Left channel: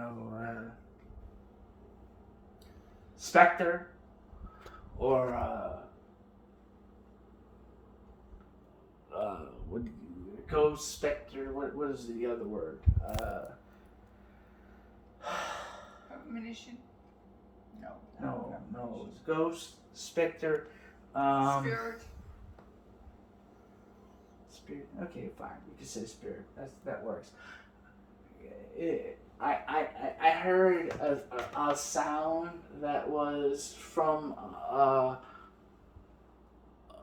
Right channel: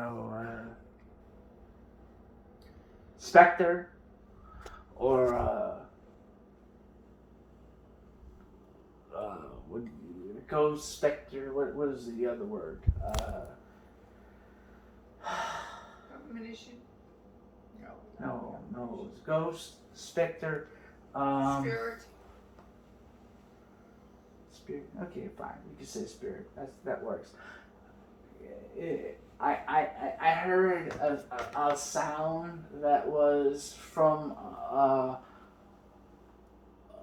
know, Spectre or what? Ghost, Spectre. What is the other word? Premonition? No. It's Ghost, Spectre, Spirit. Spirit. Okay, fine. We can say spirit. That works. I heard a sound that was from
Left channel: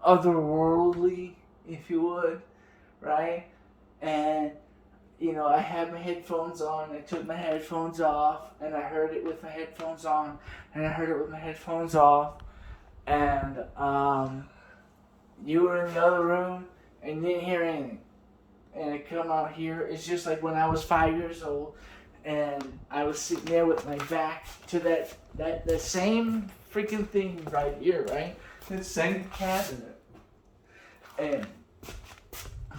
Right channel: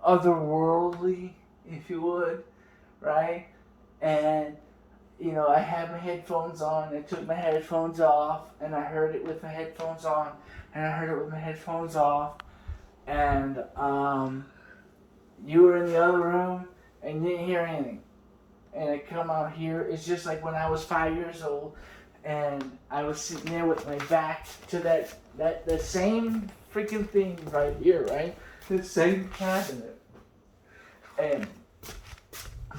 otherworldly, if you would, right? And I had my headphones on. I took my headphones off, and I heard it with my headphones on, and I heard it with my headphones off, and you were in the other room, and you didn't hear anything. And I come out here. It's just like when I was 5 years old, and I was sitting there with my back to that same freaking thing right here, right? The same cabinet, and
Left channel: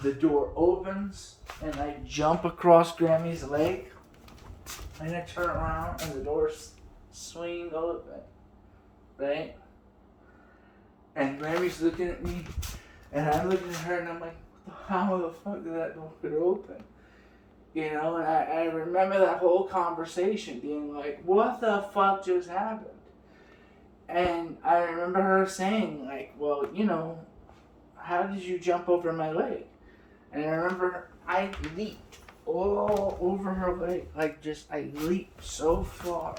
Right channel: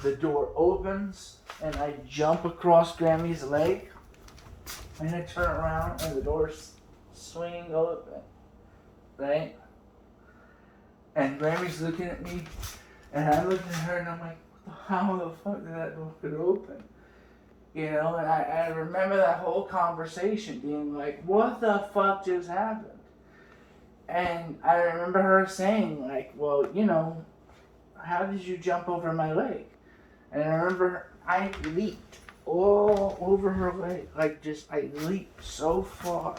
the door opens, and I jump across Grammy's leg, and I turn around, and the door's swinging open, right? And Grammy's looking at me, and I'm looking at her, and I'm like, how the fuck did that door get open? And I remember that whole conversation being like, what the fuck just happened? And I remember her saying, like, well, how did you jump over my leg? And I remember I leaped all over her leg. Like, I leaped so far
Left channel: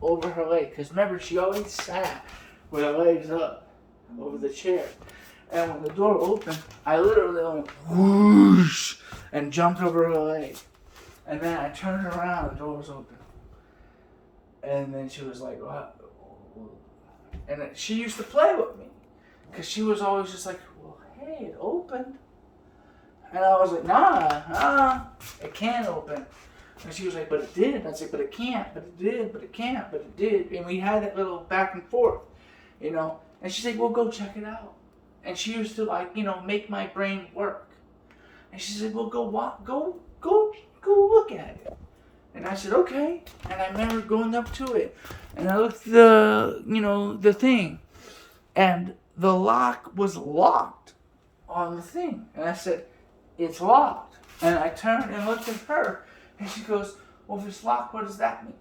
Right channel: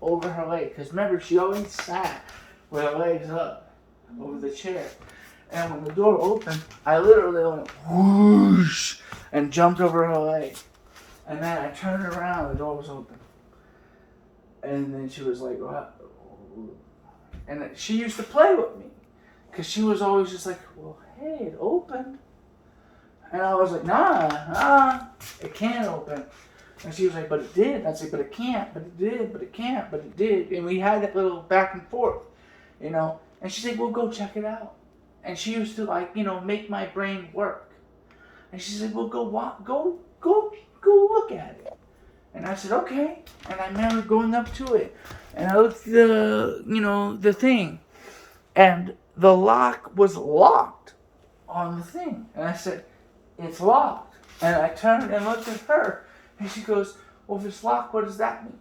over her leg. Because remember, she always sat with her legs up over the chair. And when the door opened, I literally went whoosh and jumped over her leg. And then I turned around and the door was open. And then she was like, what? And she used to play with me. Because she was always just like, well, hey, it opened. And I was like, nah, it can't open. And she was like, but it did. And I was like, but it can't, but it did, but it can't, but it did. And we had that little back and forth, And she's like, well, go check it out. And she used to make my brain work. And she's like, well, go look at it. And I said, okay. And I remember going up to it. And I looked at the thing. And the lock was locked on the thing. And I said, it's locked. And I turned and looked at her. And she goes, well, if it's locked, what does that mean?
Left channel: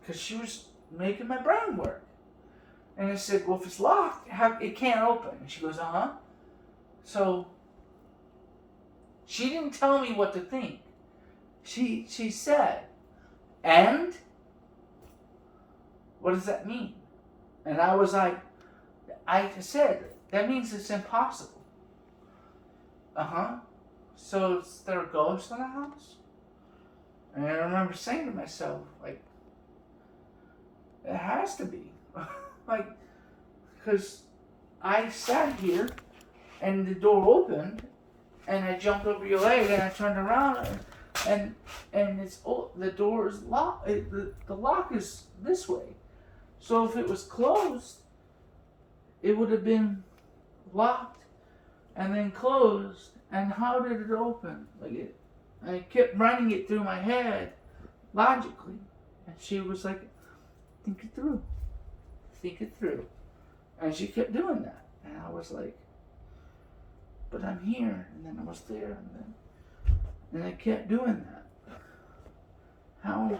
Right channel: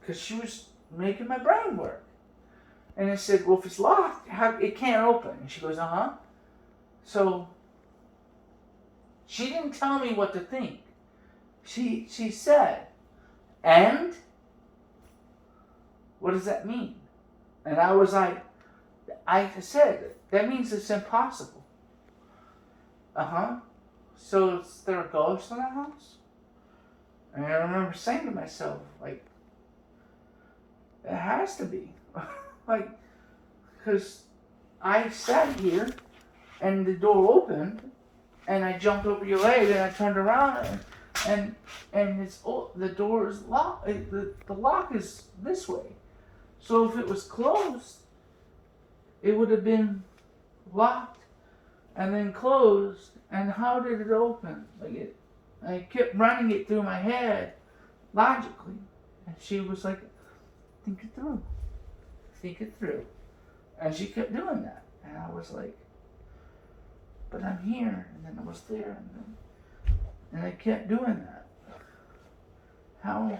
Because she was making my brain work. And I said, well, if it's locked, it can't open. And she goes, uh-huh. So she didn't tell me what to think. She said, and? What does that mean? And I was like, I said, that means it's impossible. Uh-huh. So is there a ghost in the house? And I remember saying to myself, like, it has to be. Like, because I sat here, and the door opened, and I jumped over your leg, and I turned around, and the door is locked. The lock is this way. So if it was closed, it would have been locked and then closed. And how did it open? I kept running it through my head logically, and she was like, think it through. Think it through. And she kept doing that. And I was like, but I'm here. And then I was there. And I kept doing that. How?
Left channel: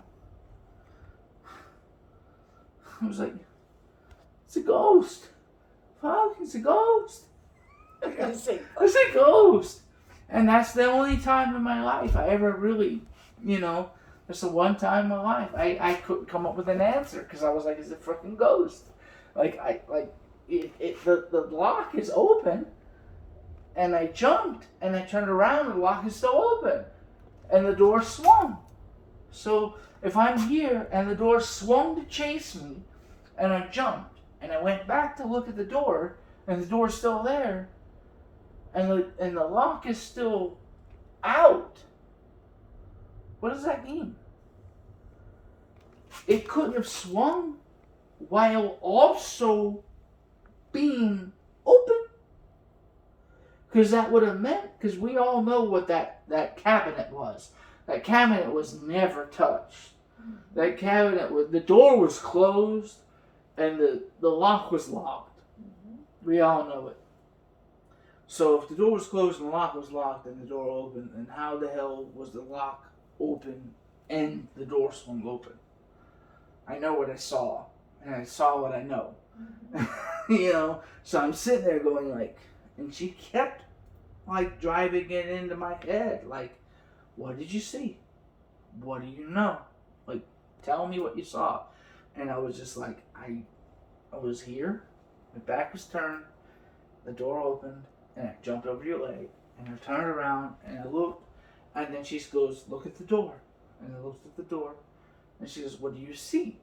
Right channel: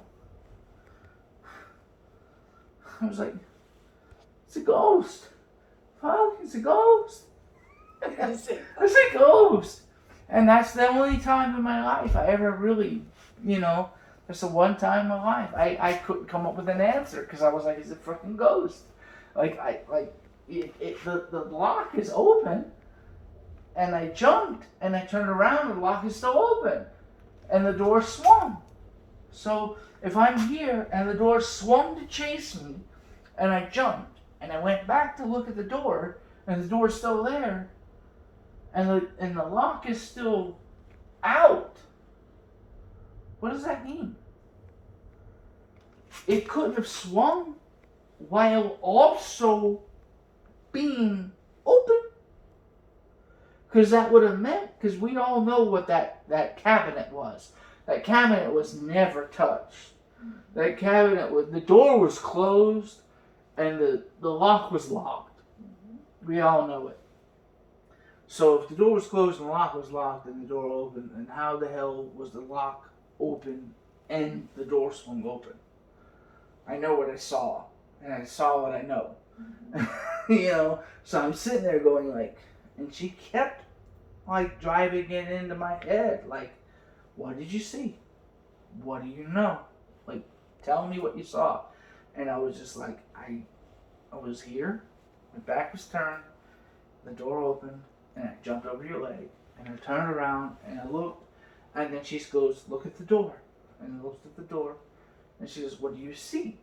I was like, it's a ghost. Fuck, it's a ghost. It's a ghost. And that's the only time in my life I ever really, that's the one time in my life I couldn't come up with an answer because I was like, it's a freaking ghost. The lock is open, and I jumped, and I turned around, and the lock is still open, and the door swung. So if I'm here, and the door swung to chase me, and I jumped, and I went back to look at the door, and the door's still there, and the lock is still out, what does that mean? It couldn't have swung while also being open. Because that would have meant, because we all know what that cabinet was. That cabinet was never touched. That cabinet, the door was closed and the lock was locked. We all know it. So if the door was closed and the lock was locked and the door opened, then how the hell was the lock open and the door swung open? I know what I saw, and I saw what I know. You know, so I'm sitting there going like, and she kept like driving it into my head, like, what did you see? What do you know? Like, tell me what you saw. And I was just like, I was here, my back was turned, the door opened, and I jumped over your leg, and I turned around, and I looked, and then she goes, look at the door. And I looked at the door, and she goes, what do you see?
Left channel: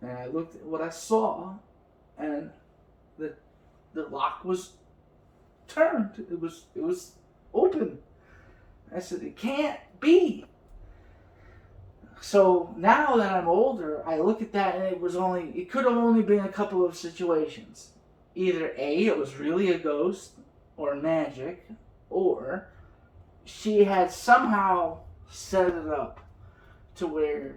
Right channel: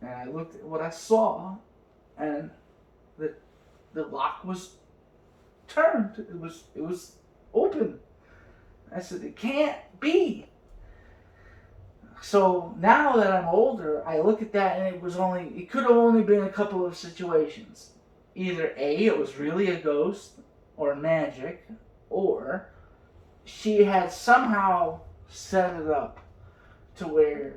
And I looked at what I saw, and the lock was turned. It was open. I said, it can't be. So now that I'm older, I look at that and it could have only been a couple of situations. Either A, it was really a ghost or magic, or she had somehow set it up to where,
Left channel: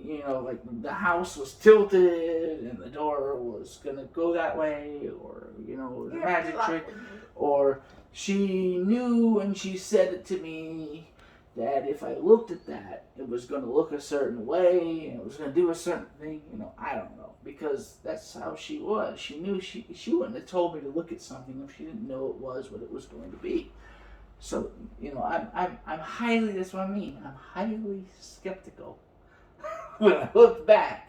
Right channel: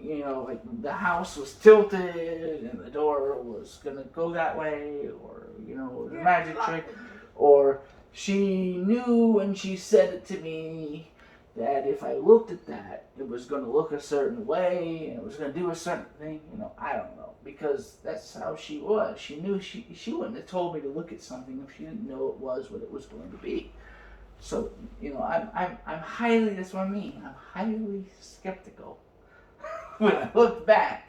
you know, like the house was tilted and the door was gonna go that way, or, you know, a magic trick, or she knew and she said it to me that if I looked at that, it was going to look a certain way and it was going to do a certain thing. You know, I don't know, because that's how she was. She knew she wouldn't have told me to look at something if she didn't know it was what it was going to be. So, you know, I'm highly, that's what I mean, I'm highly skeptical when I look back,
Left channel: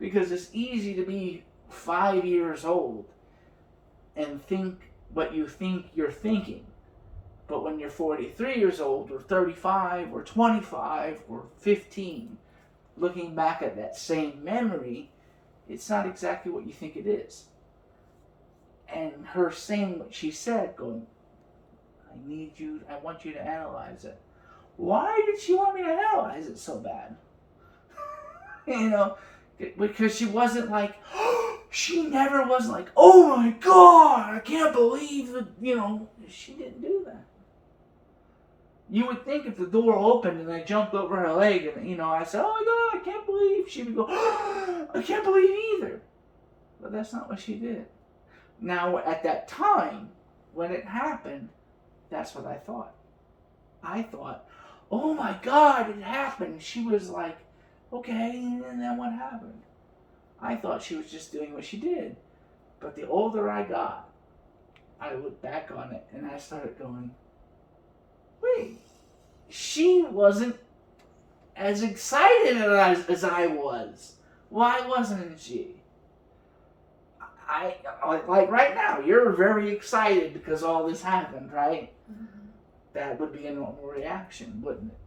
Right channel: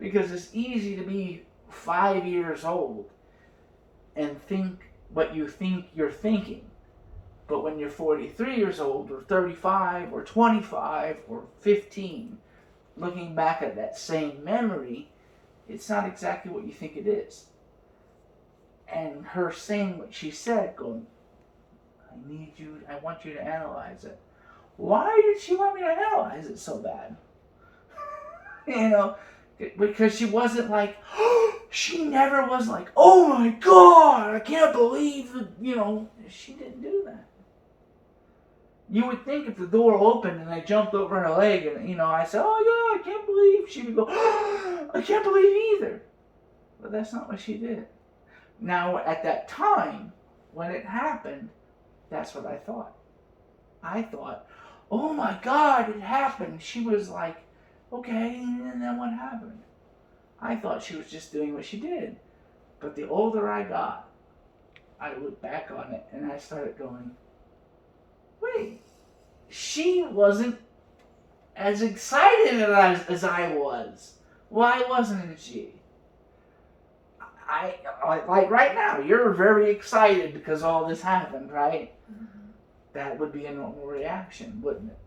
because it's easy to be 5 years old and think what you think you're thinking. But when you're 43 years old, or 35, or 25, or 15, looking back at that same memory, it's not exactly what you think it is. And her saying what she said, going, I want you to analyze it. Why did she want me to analyze it so bad? You know, because she wasn't like, she never was like, oh my God, I can't believe that, you know, she didn't do that. You would think if the door opened and I jumped over her leg and, you know, I said, oh my God, I can't believe, she would go, I can't believe either. But that's not what she did. Now, at that time, when it happened, that's what I thought. I thought, oh my God, it happened. She was like, okay, and then what happened? I thought she was just doing what she did. But the older I got, I looked back on it and I started going, wait, she wasn't as excited as I was. Why wasn't she? I like right now, you're very excited because all this happened, right? Mm-hmm. That would be a normal reaction, wouldn't it?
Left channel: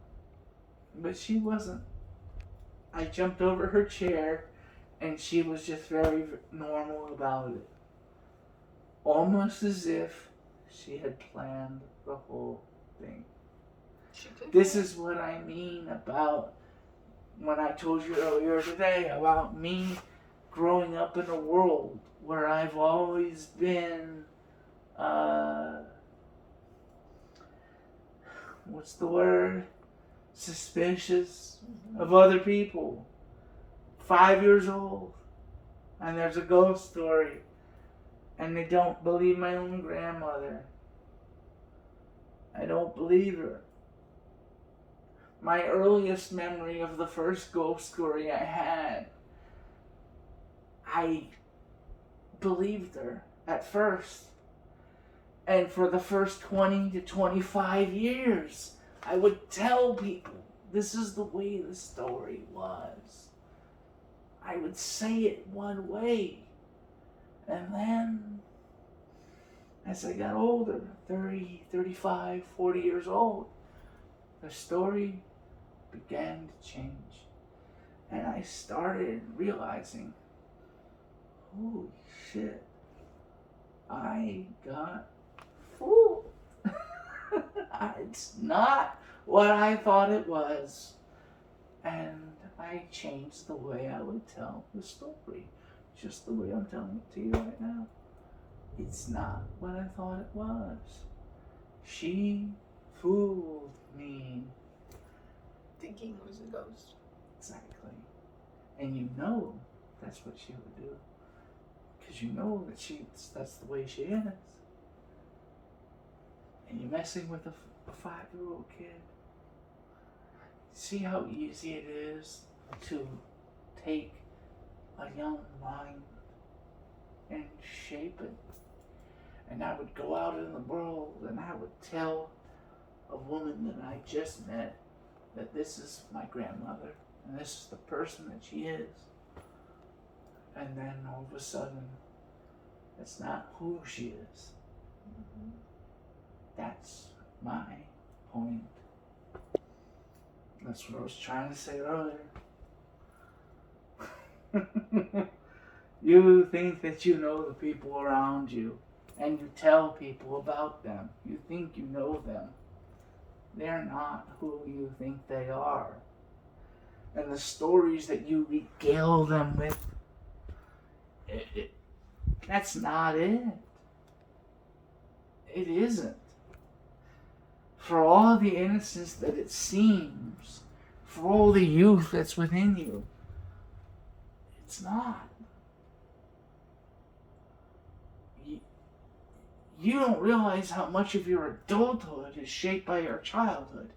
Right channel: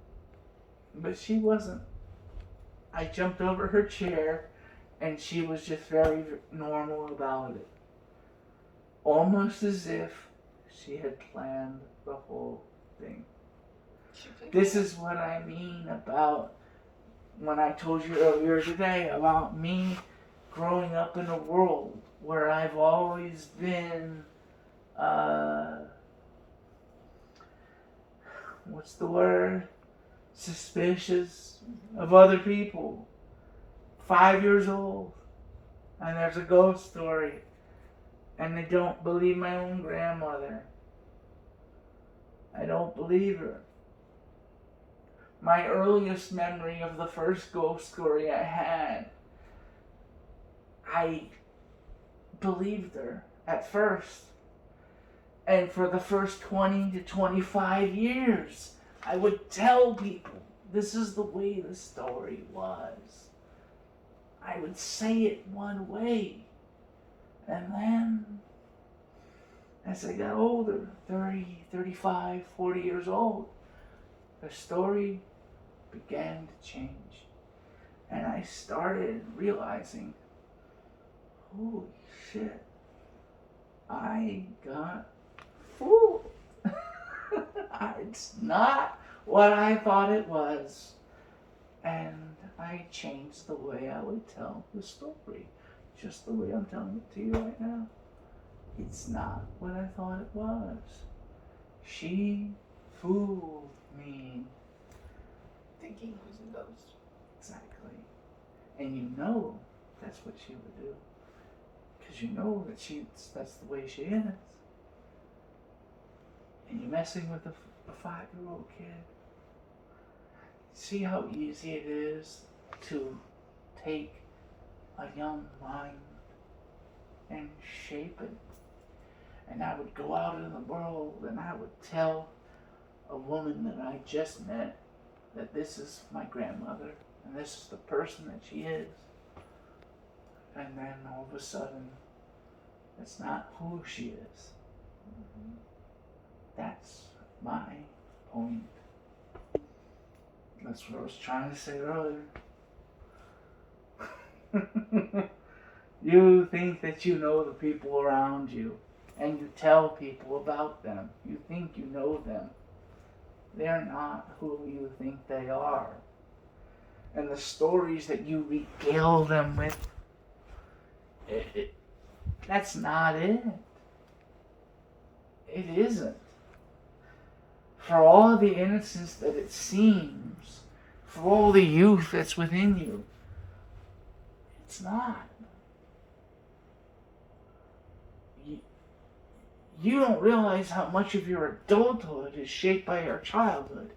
But she wasn't. I jumped over her chair and she was just very normal about it. Almost as if she had planned the whole thing. This is what I mean about when I told you earlier today about me growing up in a world where I've always been, what's the word? Suspicious of other people. 5 years old, and there's a ghost story, and they don't believe my own grandmother. I don't believe her. My earliest memory of the first ghost story I had, I believed her at first. And for the first 20 to 25 years, I would tell people, this is the way the story was. I would say it one way. And then, as I got older, 30, 35, 40 years old, the story began to change. And I started realizing, holy shit, I got fooled. It's not what I thought it was. And I changed the way I would tell the story. Just the way I'm telling it to you right now. It's not what I thought it was. She fooled me. Thinking it was a ghost. Exactly. And you know that's what she would do. Because you know that that's the way she is. And you're messing with a 5-year-old kid. See how easy it is to take a young mind and shape it. And I would go out in the world and I would tell a woman that I just met that this is my grandmother and this is the person that she is. And then all of a sudden, it's not who she is. That's my point. That's what I was trying to say earlier. You think that you know the people around you, and you tell people about them. You think you know them. They're not who you think they are. And the stories that you regale them with, that's not it. It isn't. For all the innocence that it seems, for all the youth that's within you, it's not. You don't realize how much of your adulthood is shaped by your childhood.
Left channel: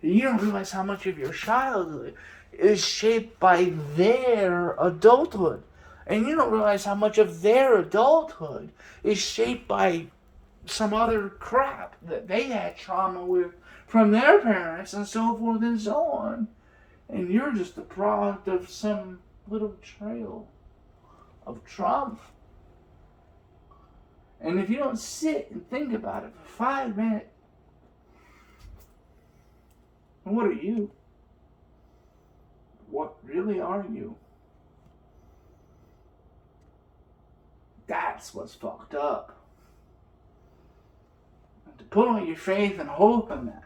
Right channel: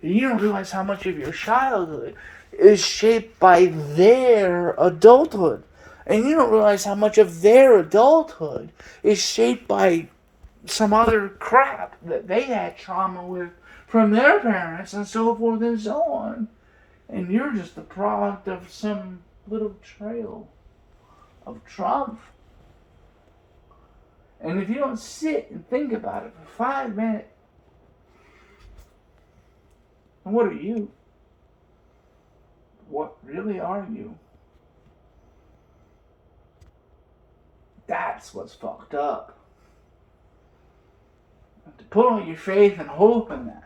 You don't realize how much of your childhood is shaped by their adulthood. And you don't realize how much of their adulthood is shaped by some other crap that they had trauma with from their parents and so forth and so on. And you're just the product of some little trail of trauma. And if you don't sit and think about it for 5 minutes, then what are you? What really are you? That's what's fucked up. And to put all your faith and hope in that.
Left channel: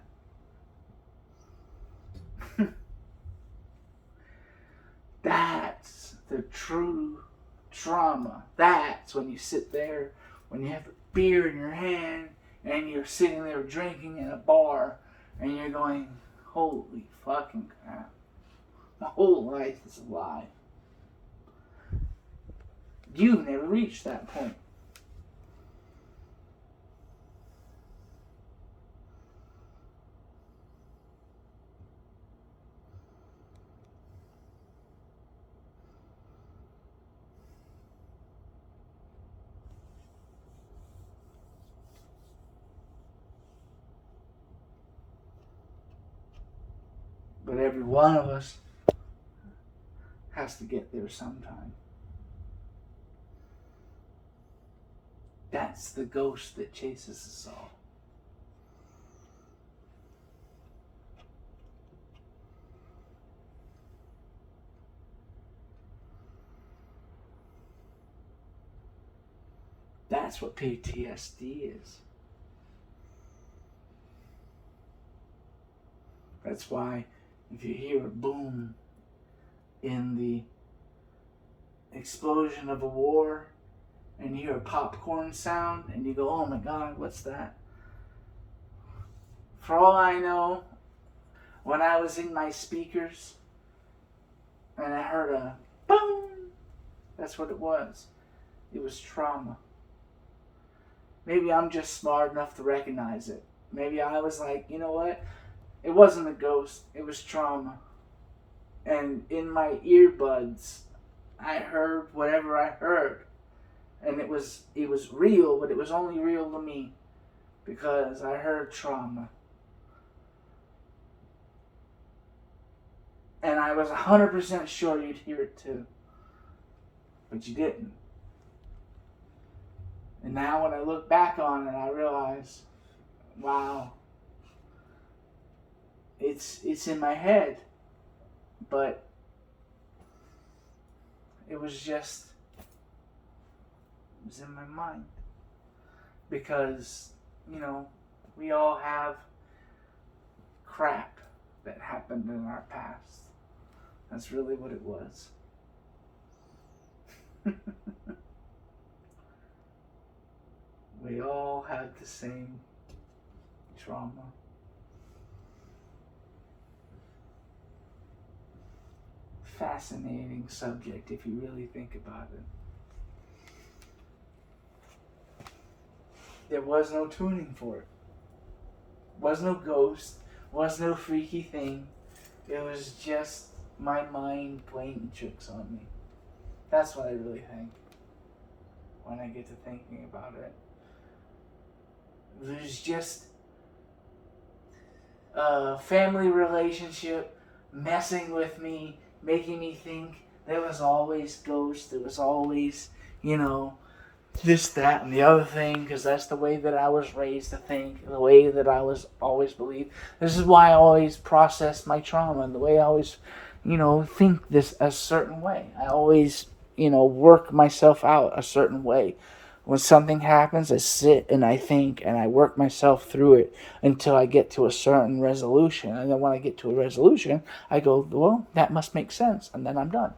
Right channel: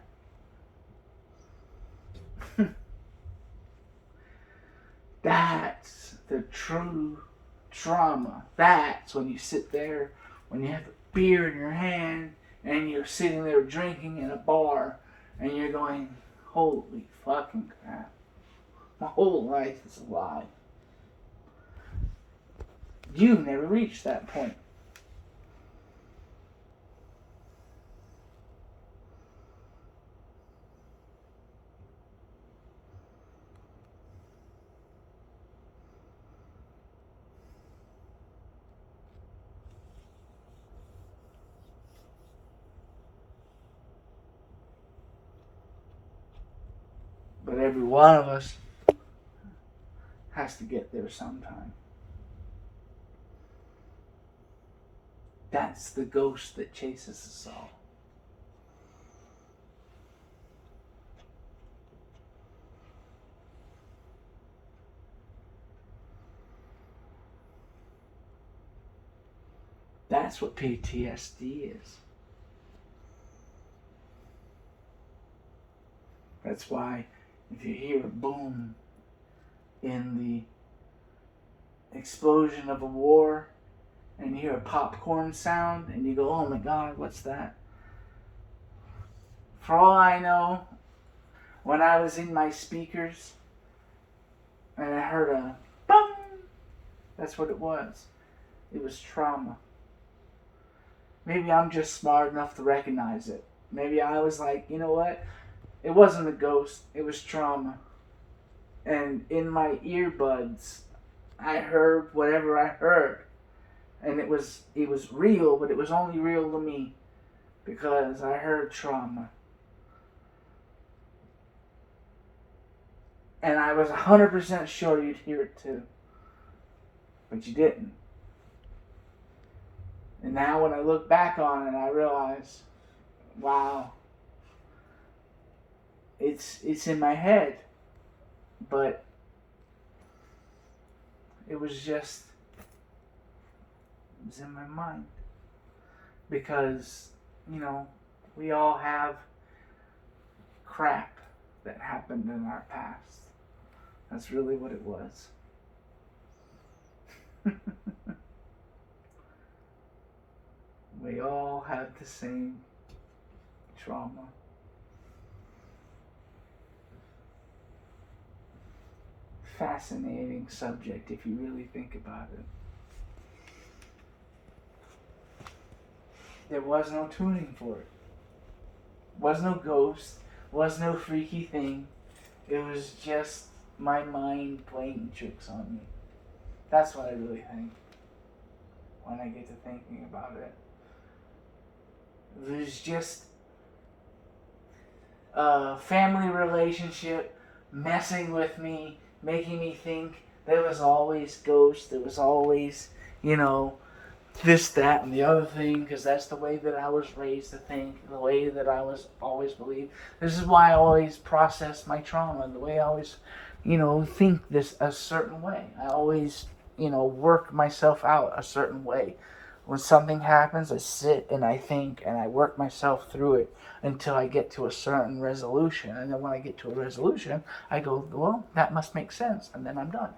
That's the true trauma. That's when you sit there, when you have a beer in your hand, and you're sitting there drinking in a bar, and you're going, holy fucking crap. My whole life is a lie. You've never reached that point. But every one of us has to get there sometime. That's the ghost that chases us all. That's what PTSD is. That's why if you hear a boom in the explosion of a war and you hear a popcorn sound and you go, oh my God, what's that? For all I know, when I was in my speakers and I heard a boom, that's what it was. It was trauma. Maybe I'm just smart enough to recognize it. Maybe I was like, you know what? It wasn't a ghost. It was trauma. And in my earbuds, I heard whatever I heard. And it was real, but it was only real to me. Because I heard trauma. And I was 100% sure you'd hear it too. But you didn't. And now when I look back on it, I realize, wow, it's in my head. But it was in my mind. Because, you know, we all have crap that happened in our past. That's really what it was. We all have the same trauma. fascinating subject if you really think about it. There was no tuning for it. Was no ghost. Was no freaky thing. It was just my mind playing tricks on me. That's what I really think when I get to thinking about it. It was just a family relationship messing with me, making me think there was always ghosts, there was always, this, that, and the other thing, because that's the way that I was raised to think, the way that I was always believed. This is why I always process my trauma, and the way I always, think this a certain way. I always, work myself out a certain way. When something happens, I sit and I think and I work myself through it until I get to a certain resolution. And then when I get to a resolution, I go, well, that must make sense. And then I'm done.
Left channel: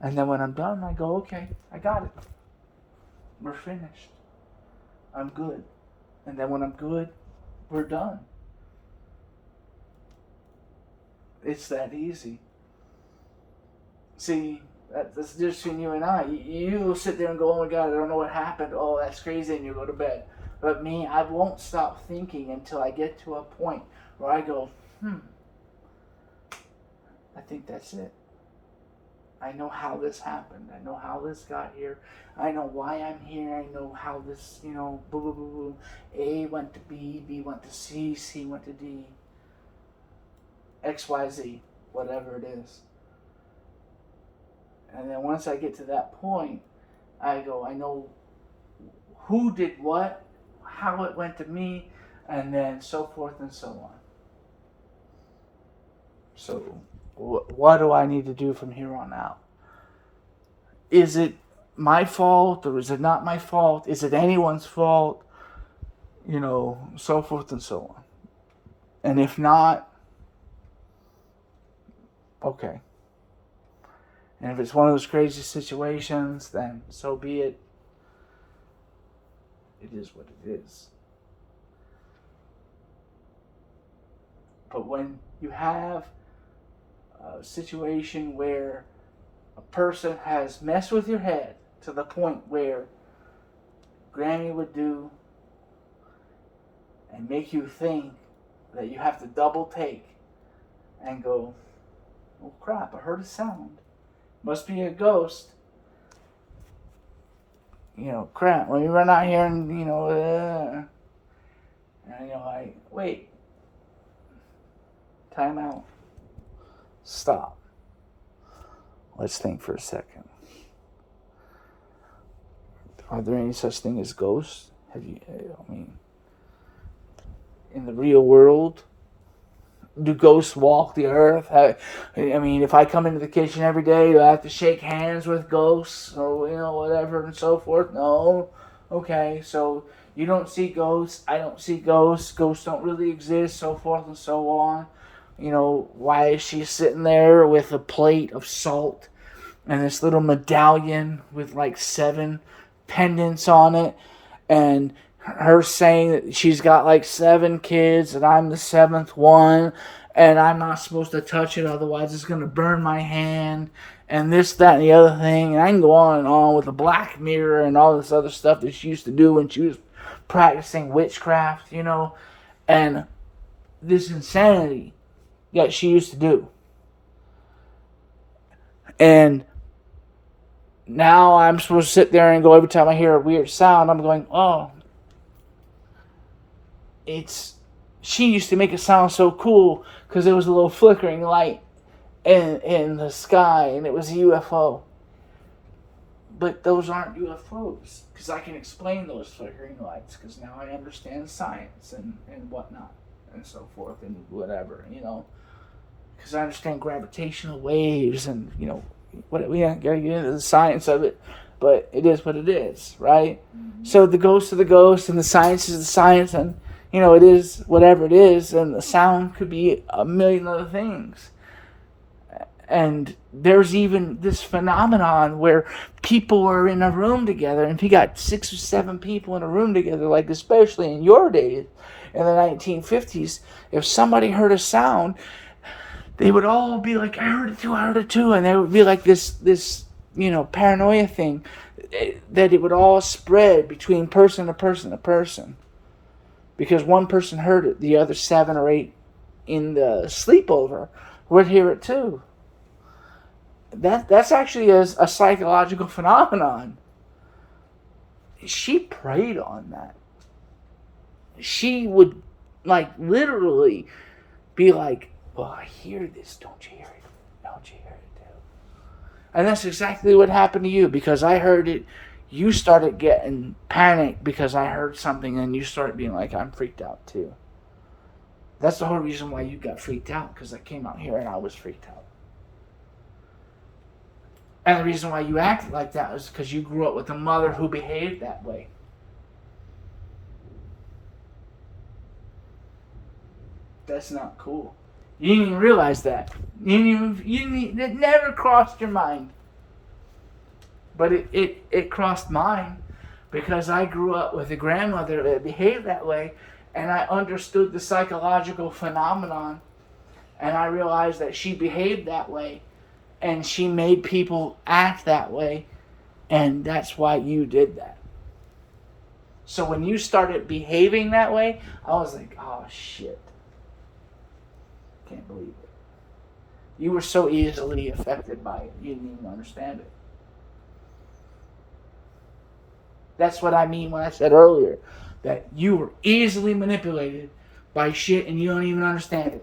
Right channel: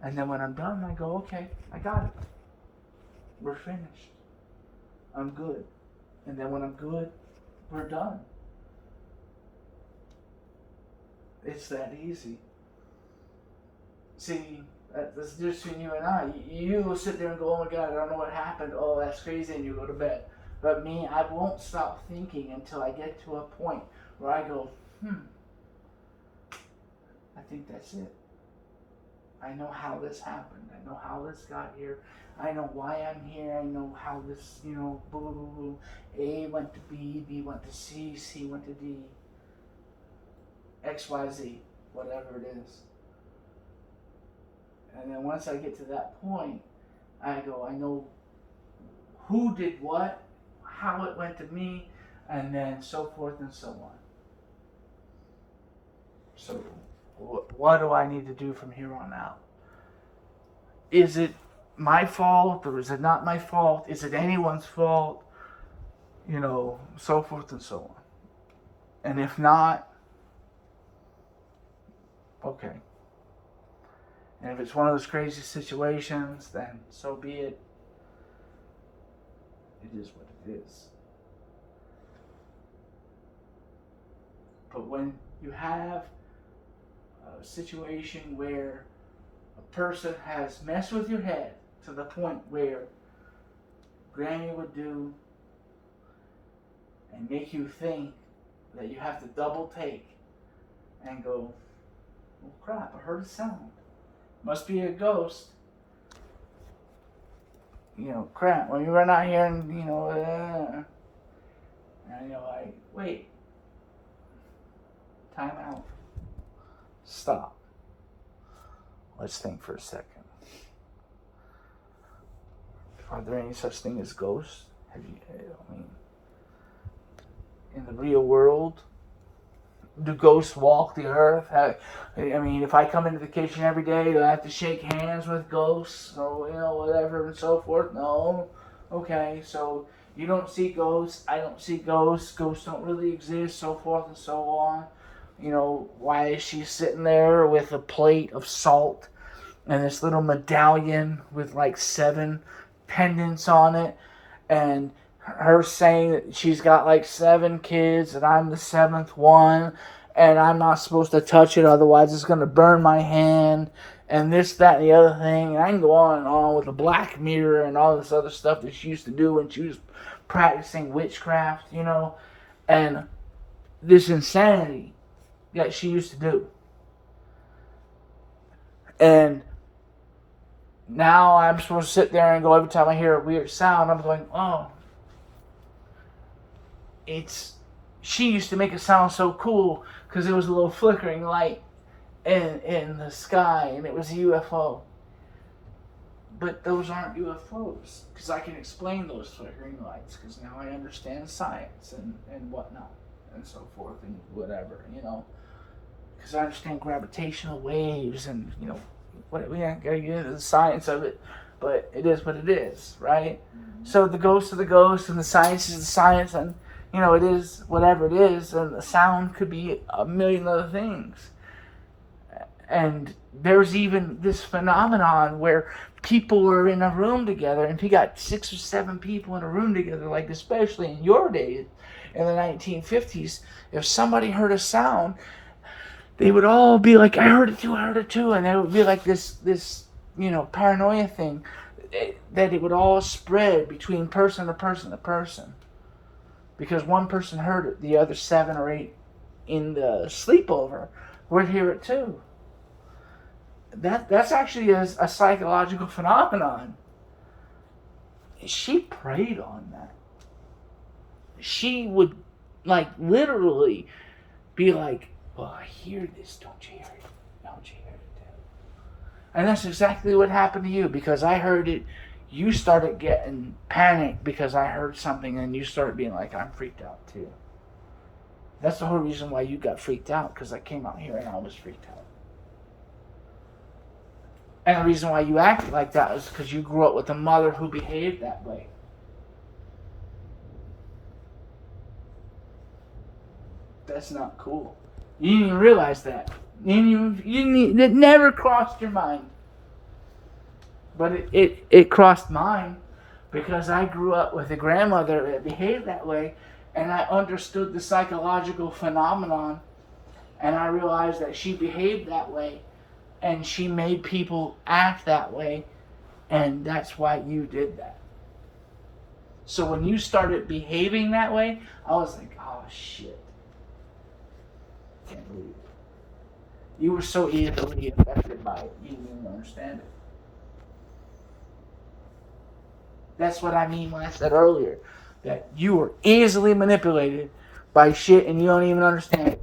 And then when I'm done, I go, okay, I got it. We're finished. I'm good. And then when I'm good, we're done. It's that easy. See, that's the difference between you and I. You will sit there and go, oh my God, I don't know what happened. Oh, that's crazy, and you go to bed. But me, I won't stop thinking until I get to a point where I go, I think that's it. I know how this happened. I know how this got here. I know why I'm here. I know how this, boo, boo, boo, boo. A went to B, B went to C, C went to D. X, Y, Z, whatever it is. And then once I get to that point, I go, I know who did what, how it went to me, and then so forth and so on. So, what do I need to do from here on out? Is it my fault, or is it not my fault? Is it anyone's fault? So forth and so on. And if not, okay. And if it's one of those crazy situations, then so be it. It is what it is. But when you have a situation where a person has messed with your head to the point where Granny would do and make you think that you have to double take and go, oh crap, I heard a sound. Must be a ghost. Crap, when you run out here and, and wait. Time out. Stop. Let's think for a second. Are there any such thing as ghosts? In the real world, do ghosts walk the earth? If I come into the kitchen every day, do I have to shake hands with ghosts or, whatever and so forth? No. Okay, so you don't see ghosts. I don't see ghosts. Ghosts don't really exist, so forth and so on. Why is she sitting there with a plate of salt and this little medallion with like 7 pendants on it, and her saying that she's got like 7 kids and I'm the 7th one and I'm not supposed to touch it, otherwise it's going to burn my hand, and this, that, and the other thing. And I can go on and on with the black mirror and all this other stuff that she used to do when she was practicing witchcraft, and this insanity that she used to do. And now I'm supposed to sit there and go, every time I hear a weird sound, I'm going, oh, she used to make it sound so cool because there was a little flickering light in the sky and it was a UFO. But those aren't UFOs, because I can explain those flickering lights, because now I understand science and whatnot and so forth and whatever, because I understand gravitational waves and, we don't gotta get into the science of it, but it is what it is, right? Mm-hmm. So the ghosts are the ghosts and the science is the science, and it is whatever it is, and the sound could be a million other things. And there's even this phenomenon where people are in a room together, and if you got 6 or 7 people in a room together, like especially in your days, in the 1950s, if somebody heard a sound, they would all be like, I heard it too. And there would be like this, paranoia thing that it would all spread between person to person to person. Because one person heard it, the other 7 or 8 in the sleepover would hear it too. That's actually a psychological phenomenon. She preyed on that. She would literally be like, well, I hear this, don't you hear it? Don't you hear it too? And that's exactly what happened to you, because I heard it. You started getting panicked because I heard something, and you started being like, I'm freaked out too. That's the whole reason why you got freaked out, because I came out here and I was freaked out. And the reason why you acted like that was because you grew up with a mother who behaved that way. That's not cool. You didn't even realize that. It never crossed your mind. But it crossed mine, because I grew up with a grandmother that behaved that way, and I understood the psychological phenomenon, and I realized that she behaved that way, and she made people act that way, and that's why you did that. So when you started behaving that way, I was like, oh shit. Can't believe it. You were so easily affected by it, you didn't even understand it. That's what I mean when I said earlier that you were easily manipulated by shit and you don't even understand it.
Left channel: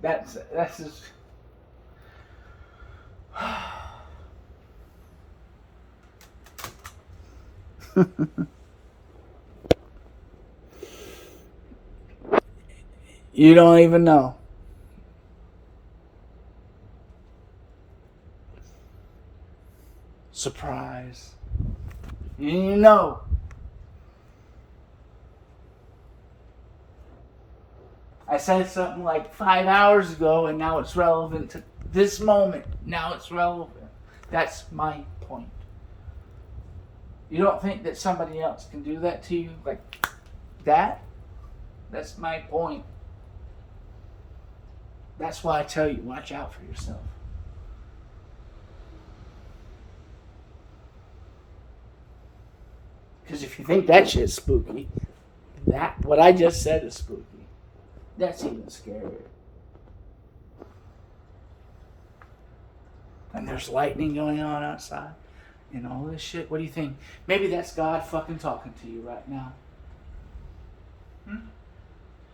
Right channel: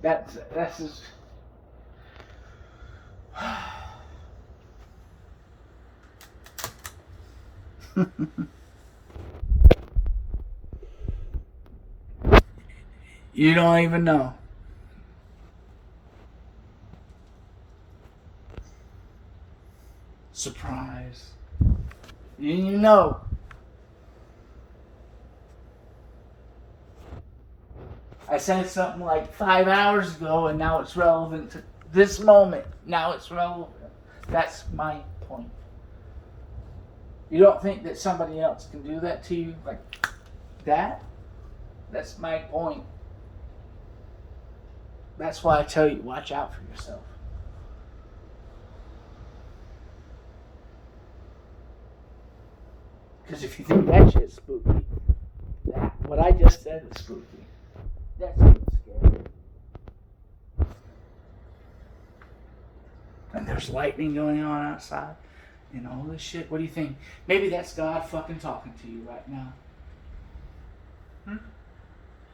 That's just... You don't even know. Surprise. You know. I said something like 5 hours ago, and now it's relevant to this moment. Now it's relevant. That's my point. You don't think that somebody else can do that to you like that? That's my point. That's why I tell you, watch out for yourself. Because if you think that shit's spooky, what I just said is spooky. That's even scary. And there's lightning going on outside and all this shit. What do you think? Maybe that's God fucking talking to you right now.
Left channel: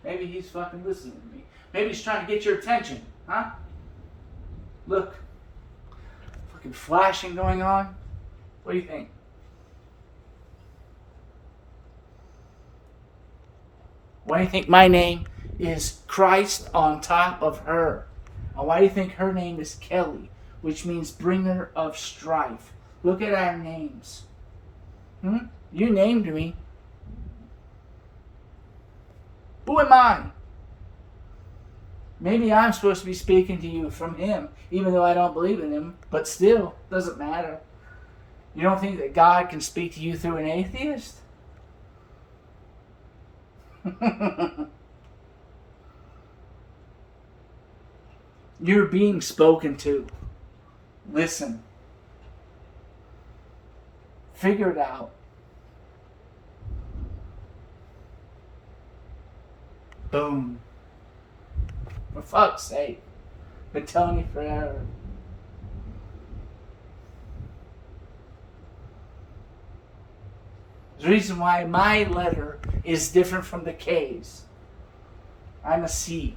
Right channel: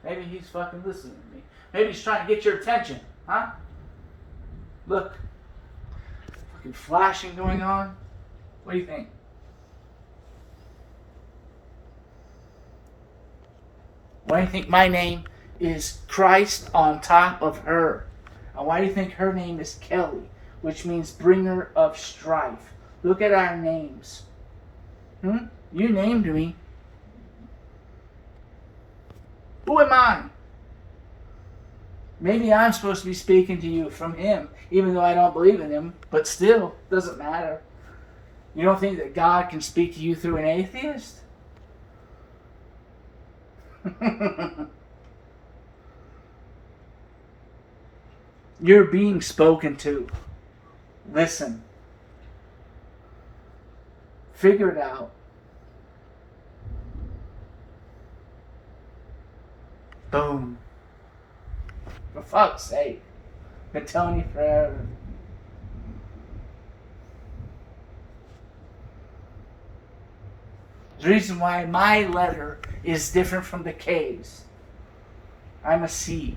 Maybe he's fucking listening to me. Maybe he's trying to get your attention. Huh? Look. Fucking flashing going on. What do you think? Why do you think my name is Christ on top of her? And why do you think her name is Kelly, which means bringer of strife? Look at our names. You named me. Who am I? Maybe I'm supposed to be speaking to you from him, even though I don't believe in him, but still, doesn't matter. You don't think that God can speak to you through an atheist? You're being spoken to. Listen. Figure it out. Boom. For fuck's sake. Been telling you forever. The reason why my letter is different from the K's. I'm a C.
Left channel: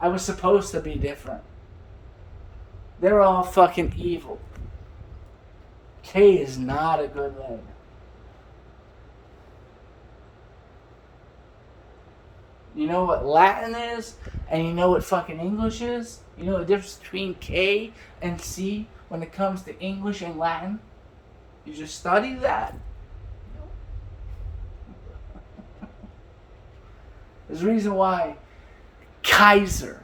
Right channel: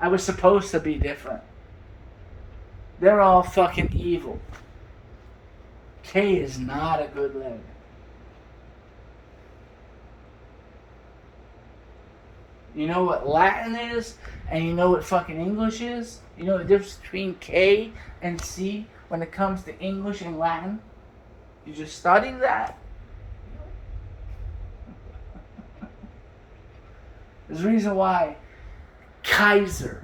I was supposed to be different. They're all fucking evil. K is not a good letter. You know what Latin is? And you know what fucking English is? You know the difference between K and C when it comes to English and Latin? You just study that. There's a reason why Kaiser